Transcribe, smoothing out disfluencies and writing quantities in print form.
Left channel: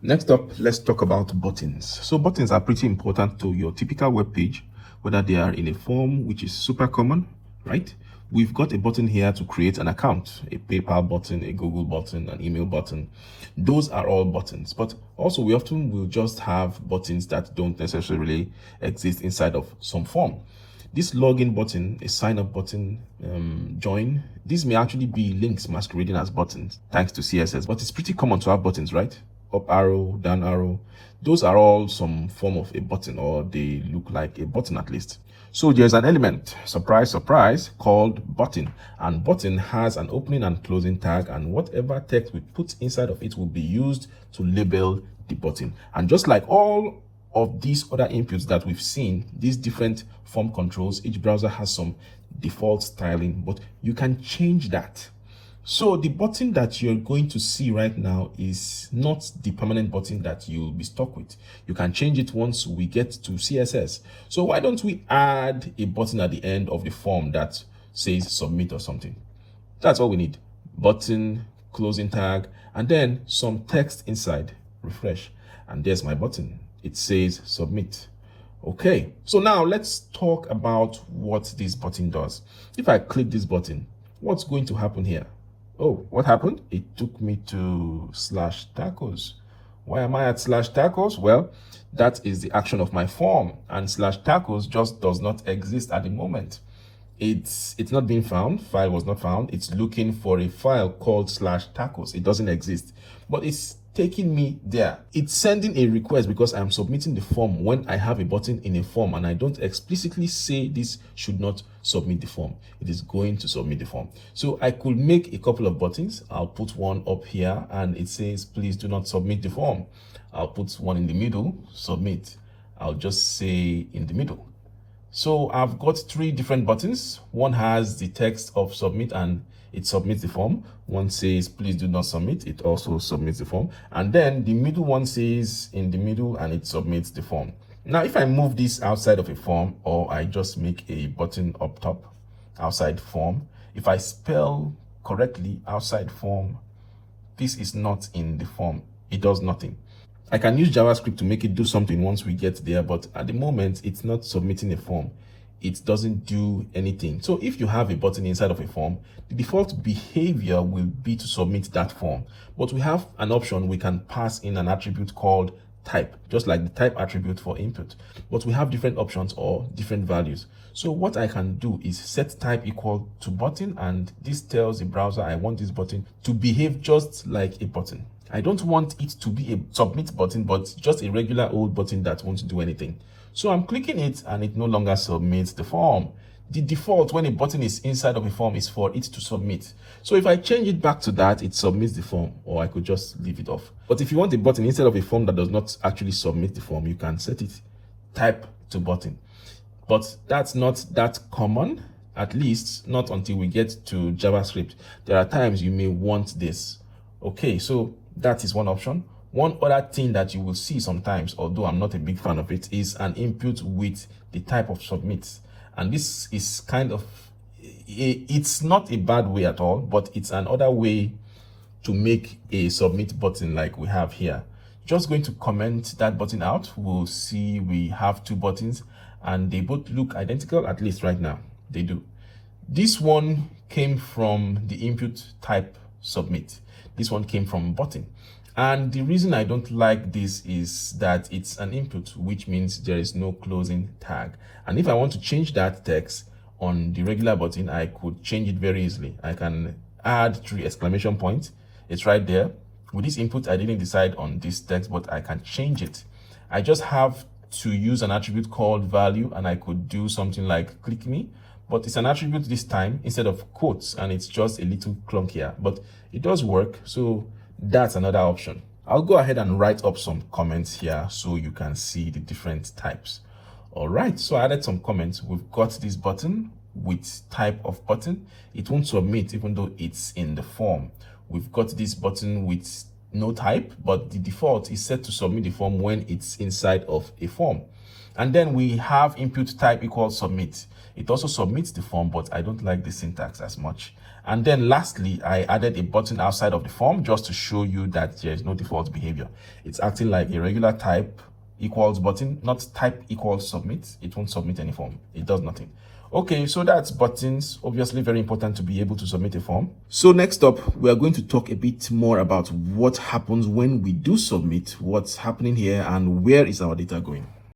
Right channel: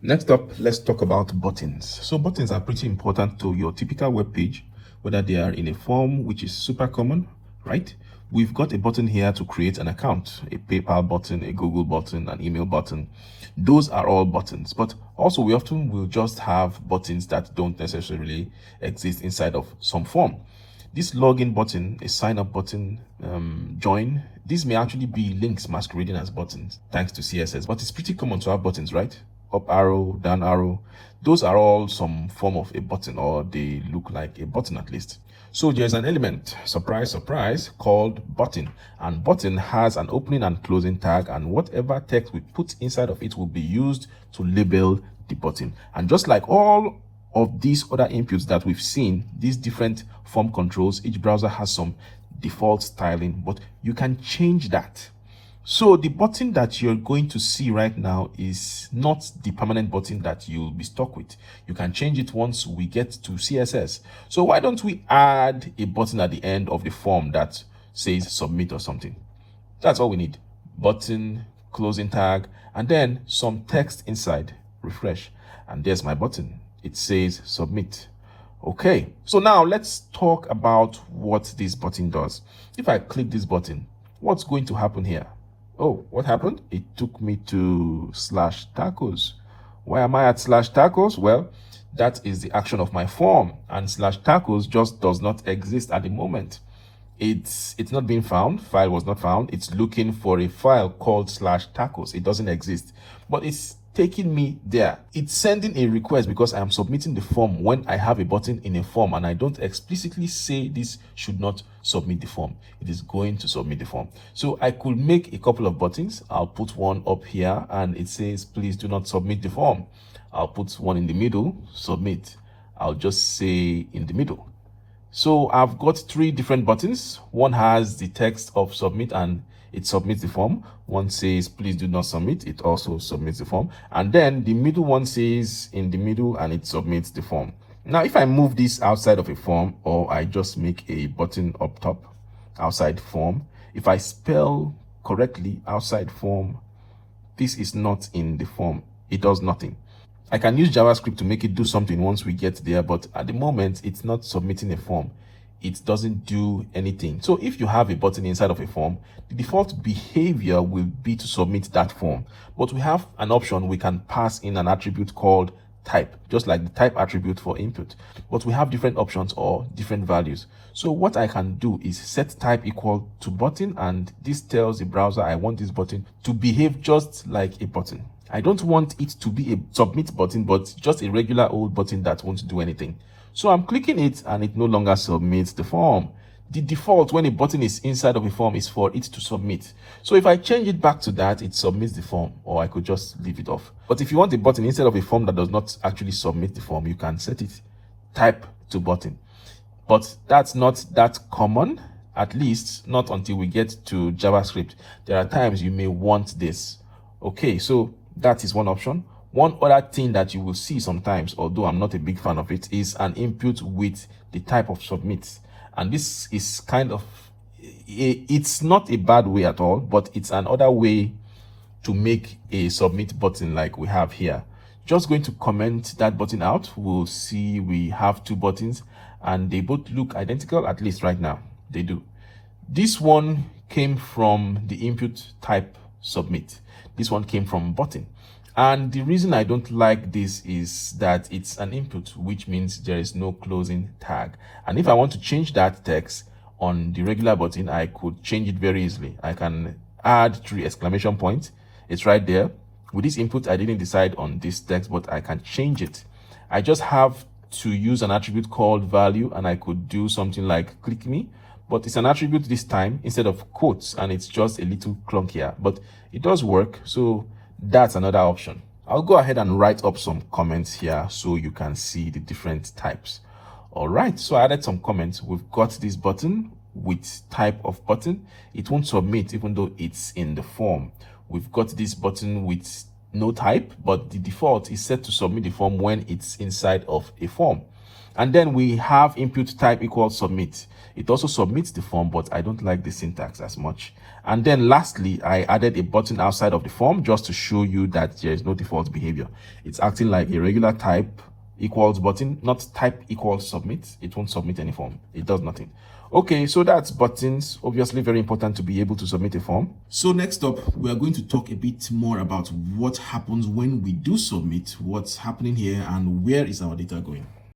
Next up, let's talk about buttons. So buttons are pretty important to your typical web page, whether they are in a form, which is super common, right? We've got a button here to create an account, a PayPal button, a Google button, an email button. Those are all buttons, but also we often will just have buttons that don't necessarily exist inside of some form. This login button, a sign up button, join, these may actually be links masquerading as buttons thanks to CSS, but it's pretty common to have buttons, right? Up arrow, down arrow, those are all some form of a button, or they look like a button at least. So there's an element, surprise, surprise, called button, and button has an opening and closing tag, and whatever text we put inside of it will be used to label the button. And just like all of these other inputs that we've seen, these different form controls, each browser has some default styling, but you can change that. So the button that you're going to see right now is not the permanent button that you'll be stuck with. You can change it once we get to CSS. So why don't we add a button at the end of the form that says submit or something? That's all we need. Button, closing tag, and then some text inside. Refresh. And there's my button. It says submit. Okay, so now let's talk about what this button does. If I click this button, what's going to happen here? Oh, what happened? It took me to /tacos. Why am I at /tacos? Well, that is the action of my form, and /tacos just does not exist at the moment. It's not being found. File was not found. It's looking for a file called /tacos. It doesn't exist, but it's taking me there. It's sending a request because I'm submitting the form when I have a button in a form and I don't explicitly say this should not submit the form. It is going to submit the form. So I could make a couple of buttons. I'll put one up here and it says, please do not submit the form. I'll put one in the middle, submit. I'll just say in the middle. So I've got three different buttons. One has the text of submit and it submits the form. One says, please do not submit. It also submits the form. And then the middle one says in the middle and it submits the form. Now, if I move this outside of a form, or I just make a button up top, outside form, if I spell correctly outside form, this is not in the form. It does nothing. I can use JavaScript to make it do something once we get there, but at the moment, it's not submitting a form. It doesn't do anything. So if you have a button inside of a form, the default behavior will be to submit that form. But we have an option. We can pass in an attribute called type, just like the type attribute for input. But we have different options or different values. So what I can do is set type equal to button, and this tells the browser I want this button to behave just like a button. I don't want it to be a submit button, but just a regular old button that won't do anything. So I'm clicking it and it no longer submits the form. The default when a button is inside of a form is for it to submit. So if I change it back to that, it submits the form, or I could just leave it off. But if you want a button instead of a form that does not actually submit the form, you can set it type to button. But that's not that common, at least not until we get to JavaScript. There are times you may want this. Okay, so that is one option. One other thing that you will see sometimes, although I'm not a big fan of it, is an input with the type of submit. And this is kind of, it's not a bad way at all, but it's another way to make a submit button like we have here. Just going to comment that button out. We'll see we have two buttons and they both look identical, at least right now. They do. This one came from the input type submit. This one came from button. And the reason I don't like this is that it's an input, which means there is no closing tag. And if I want to change that text on the regular button, I could change it very easily. I can add 3 exclamation points. It's right there. With this input, I didn't decide on this text, but I can change it. I just have to use an attribute called value, and I could do something like click me, but it's an attribute this time instead of quotes, and it's just a little clunkier, but it does work. So that's another option. I'll go ahead and write up some comments here so you can see the different types. All right, so I added some comments. We've got this button with type of button. It won't submit even though it's in the form. We've got this button with no type, but the default is set to submit the form when it's inside of a form. And then we have input type equals submit. It also submits the form, but I don't like the syntax as much. And then lastly, I added a button outside of the form just to show you that there is no default behavior. It's acting like a regular type equals button, not type equals submit. It won't submit any form. It does nothing. Okay, so that's buttons. Obviously very important to be able to submit a form. So next up, we are going to talk a bit more about what happens when we do submit, what's happening here, and where is our data going.